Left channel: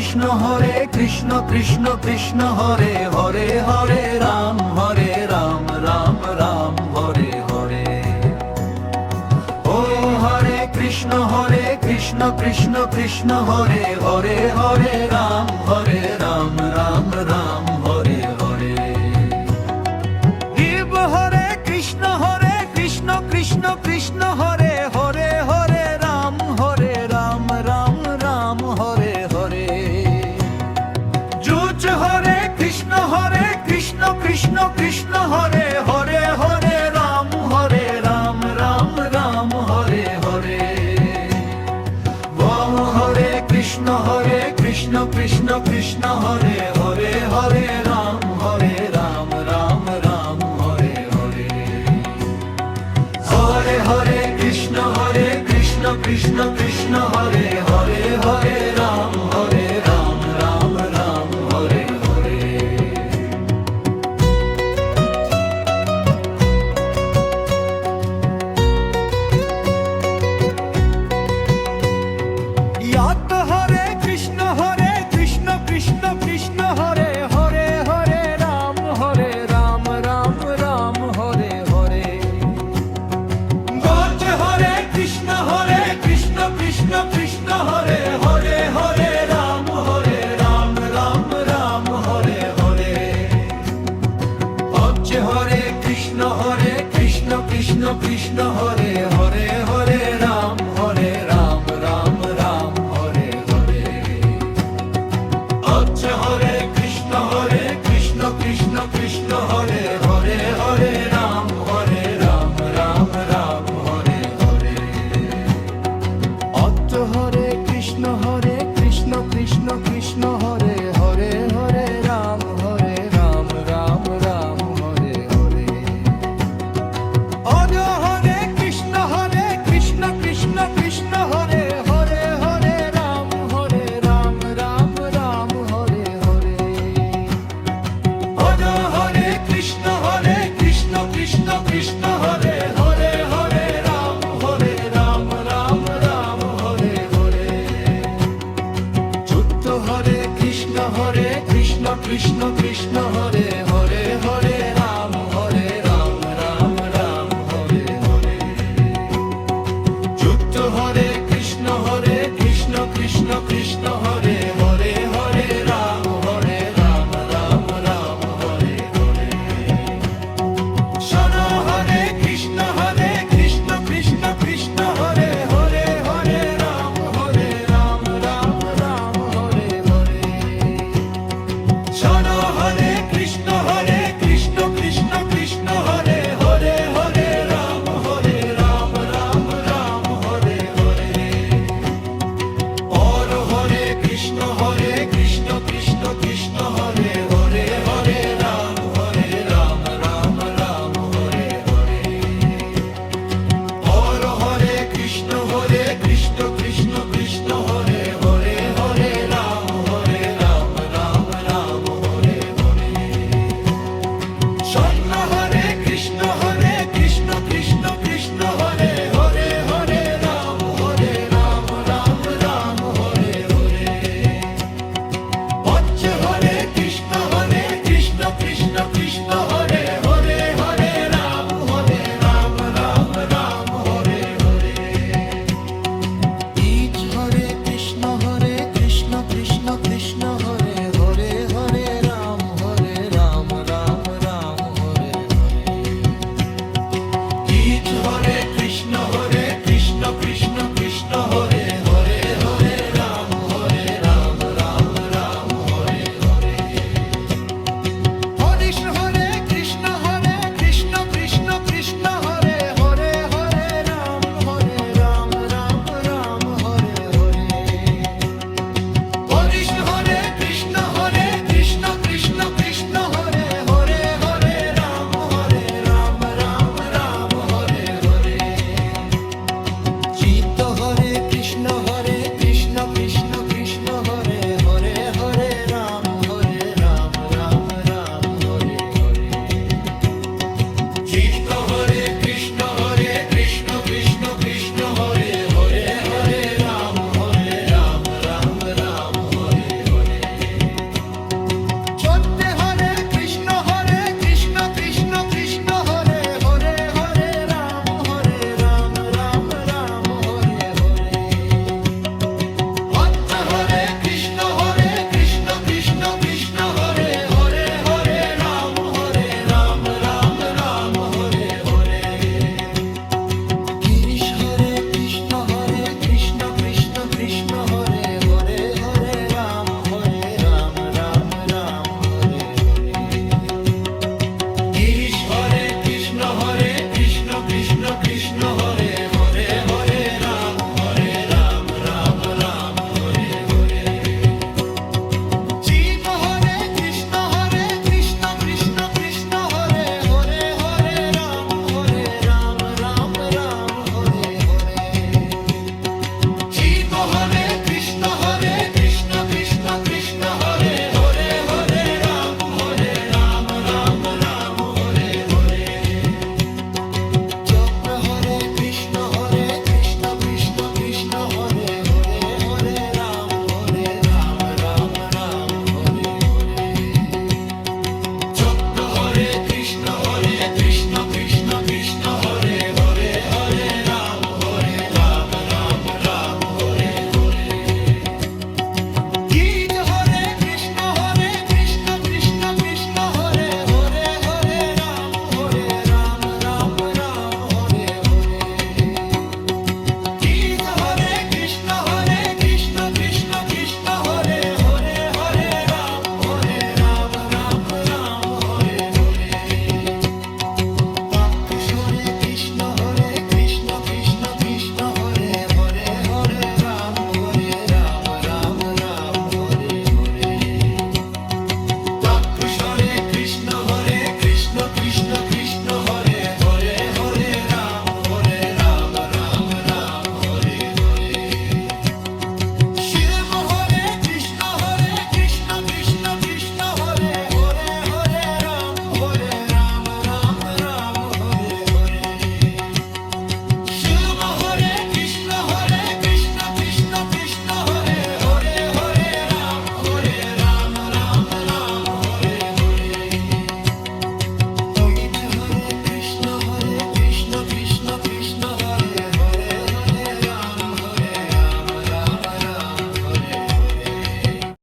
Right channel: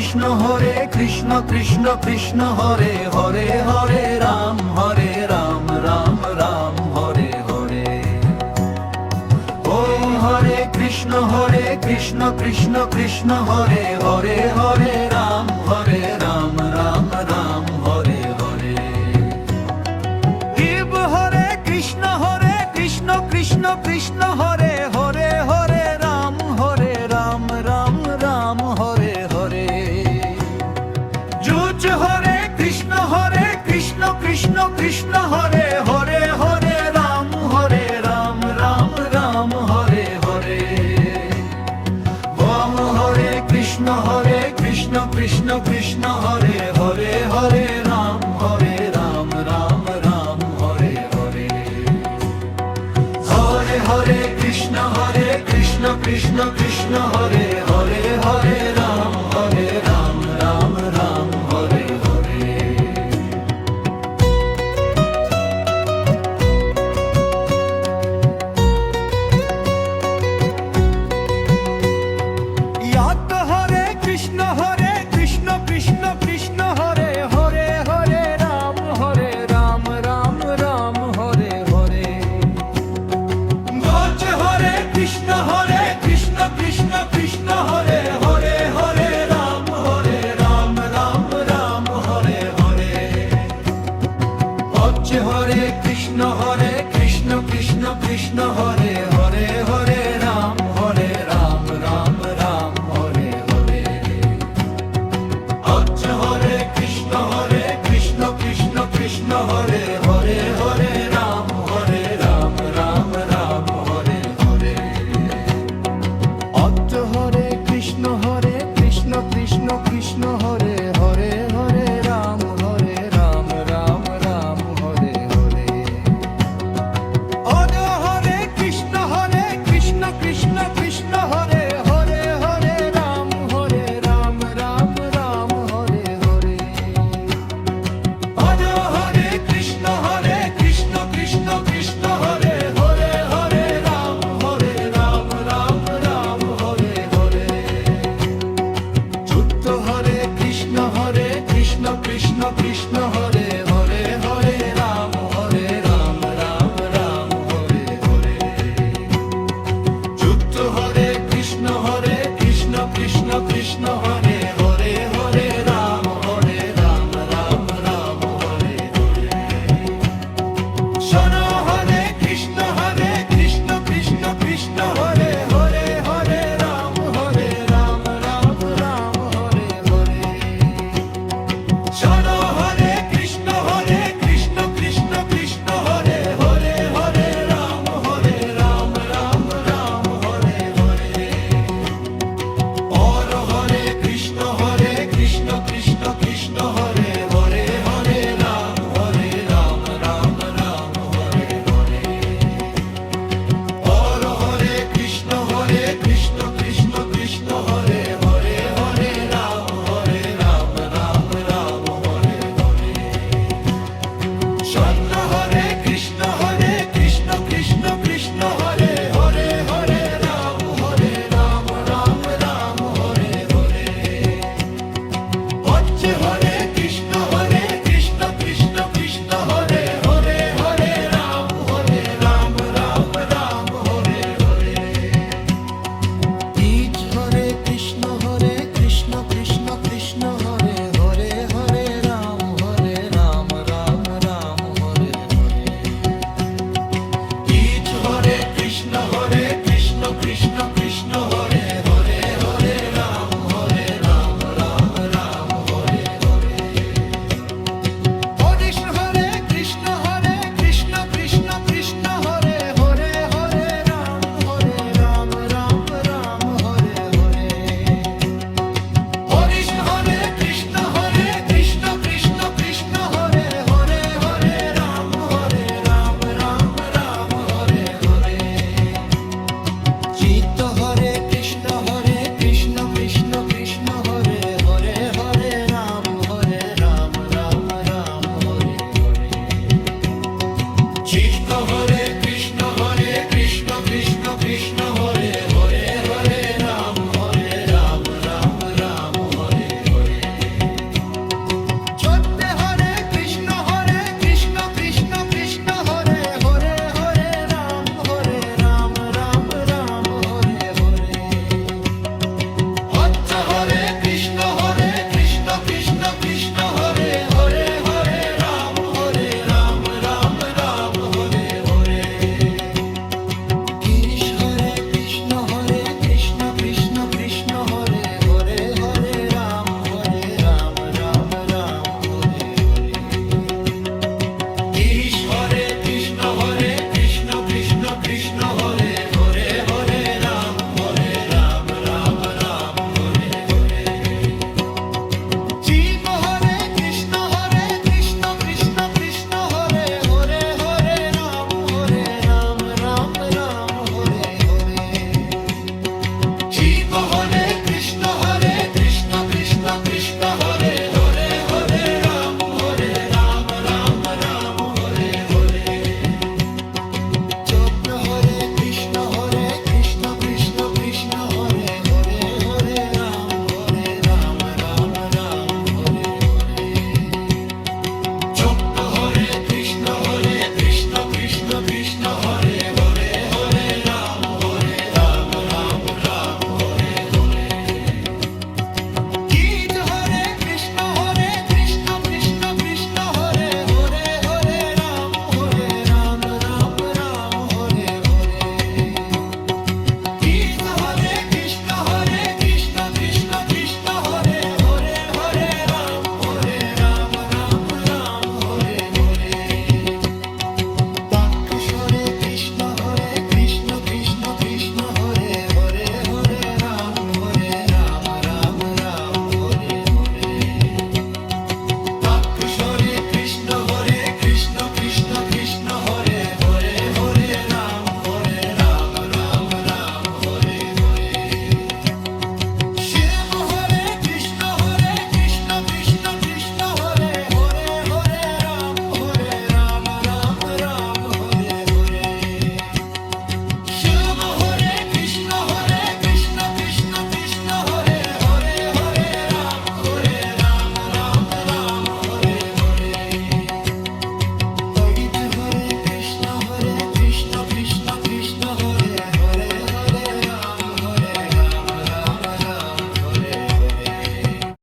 কৃষ্ণ হরে কৃষ্ণ কৃষ্ণ কৃষ্ণ হরে হরে হরে রাম রাম রাম হরে হরে। ও হরে কৃষ্ণ কৃষ্ণ কৃষ্ণ হরে হরে হরে রাম রাম রাম হরে হরে। শিব হরে কৃষ্ণ কৃষ্ণ কৃষ্ণ হরে হরে হরে রাম রাম রাম হরে হরে। যুজ হরে কৃষ্ণ কৃষ্ণ কৃষ্ণ হরে হরে হরে রাম রাম রাম হরে হরে। বম হরে কৃষ্ণ কৃষ্ণ কৃষ্ণ হরে হরে হরে রাম রাম রাম হরে হরে। হরে হরে কৃষ্ণ কৃষ্ণ কৃষ্ণ হরে হরে হরে রাম রাম রাম হরে হরে। ইয়াত হরে কৃষ্ণ কৃষ্ণ কৃষ্ণ হরে হরে হরে রাম রাম রাম হরে হরে। গজ হরে কৃষ্ণ কৃষ্ণ কৃষ্ণ হরে হরে হরে রাম রাম রাম হরে হরে। অজ হরে কৃষ্ণ কৃষ্ণ কৃষ্ণ হরে হরে হরে রাম রাম রাম হরে হরে। অজ হরে কৃষ্ণ কৃষ্ণ কৃষ্ণ হরে হরে হরে রাম রাম রাম হরে হরে। অজ হরে কৃষ্ণ কৃষ্ণ কৃষ্ণ হরে হরে হরে রাম রাম রাম হরে হরে। অজ হরে কৃষ্ণ কৃষ্ণ কৃষ্ণ হরে হরে হরে রাম রাম রাম হরে হরে। অজ হরে কৃষ্ণ কৃষ্ণ কৃষ্ণ হরে হরে হরে রাম রাম রাম হরে হরে। যুক্ত হরে কৃষ্ণ কৃষ্ণ কৃষ্ণ হরে হরে হরে রাম রাম রাম হরে হরে। যুক্ত হরে কৃষ্ণ কৃষ্ণ কৃষ্ণ হরে হরে হরে রাম রাম রাম হরে হরে। শোনো হরে কৃষ্ণ কৃষ্ণ কৃষ্ণ হরে হরে হরে রাম রাম রাম হরে হরে। শোনো হরে কৃষ্ণ কৃষ্ণ কৃষ্ণ হরে হরে হরে রাম রাম রাম হরে হরে। और हरे कृष्ण কৃষ্ণ কৃষ্ণ হরে হরে হরে রাম রাম রাম হরে হরে। और हरे কৃষ্ণ কৃষ্ণ কৃষ্ণ হরে হরে হরে রাম রাম রাম হরে হরে। স্বর্ণ হরে কৃষ্ণ কৃষ্ণ কৃষ্ণ হরে হরে হরে রাম রাম রাম হরে হরে। অচ্ছ হরে কৃষ্ণ কৃষ্ণ কৃষ্ণ হরে হরে হরে রাম রাম রাম হরে হরে। ইচ হরে কৃষ্ণ কৃষ্ণ কৃষ্ণ হরে হরে হরে রাম রাম রাম হরে হরে। ইচ হরে কৃষ্ণ কৃষ্ণ কৃষ্ণ হরে হরে হরে রাম রাম রাম হরে হরে। হরিশ হরে কৃষ্ণ কৃষ্ণ কৃষ্ণ হরে হরে হরে রাম রাম রাম হরে হরে। হরিশ হরে কৃষ্ণ কৃষ্ণ কৃষ্ণ হরে হরে হরে রাম রাম হরে হরে। চিত্ত হরে কৃষ্ণ কৃষ্ণ কৃষ্ণ হরে হরে হরে রাম রাম রাম হরে হরে। চিত্ত হরে কৃষ্ণ কৃষ্ণ কৃষ্ণ হরে হরে হরে রাম রাম রাম হরে হরে। কৃষ্ণ হরে হরে হরে রাম রাম রাম হরে হরে শিব হরে কৃষ্ণ কৃষ্ণ কৃষ্ণ হরে হরে হরে রাম রাম রাম হরে হরে শিব হরে কৃষ্ণ কৃষ্ণ কৃষ্ণ হরে হরে হরে রাম রাম রাম হরে হরে চক্র হরে কৃষ্ণ কৃষ্ণ কৃষ্ণ হরে হরে হরে রাম রাম রাম হরে হরে চক্র হরে কৃষ্ণ কৃষ্ণ কৃষ্ণ হরে হরে হরে রাম রাম রাম হরে হরে গীত হরে কৃষ্ণ কৃষ্ণ হরে হরে হরে রাম রাম রাম হরে হরে গীত হরে কৃষ্ণ কৃষ্ণ হরে হরে হরে রাম রাম রাম হরে হরে তাক্ষরে কৃষ্ণ কৃষ্ণ হরে হরে হরে রাম রাম রাম হরে হরে তাক্ষরে কৃষ্ণ কৃষ্ণ হরে হরে হরে রাম রাম রাম হরে হরে শিব হরে কৃষ্ণ কৃষ্ণ হরে হরে হরে রাম রাম রাম হরে হরে শিব হরে কৃষ্ণ কৃষ্ণ হরে হরে হরে রাম রাম রাম হরে হরে ললিত হরে কৃষ্ণ কৃষ্ণ হরে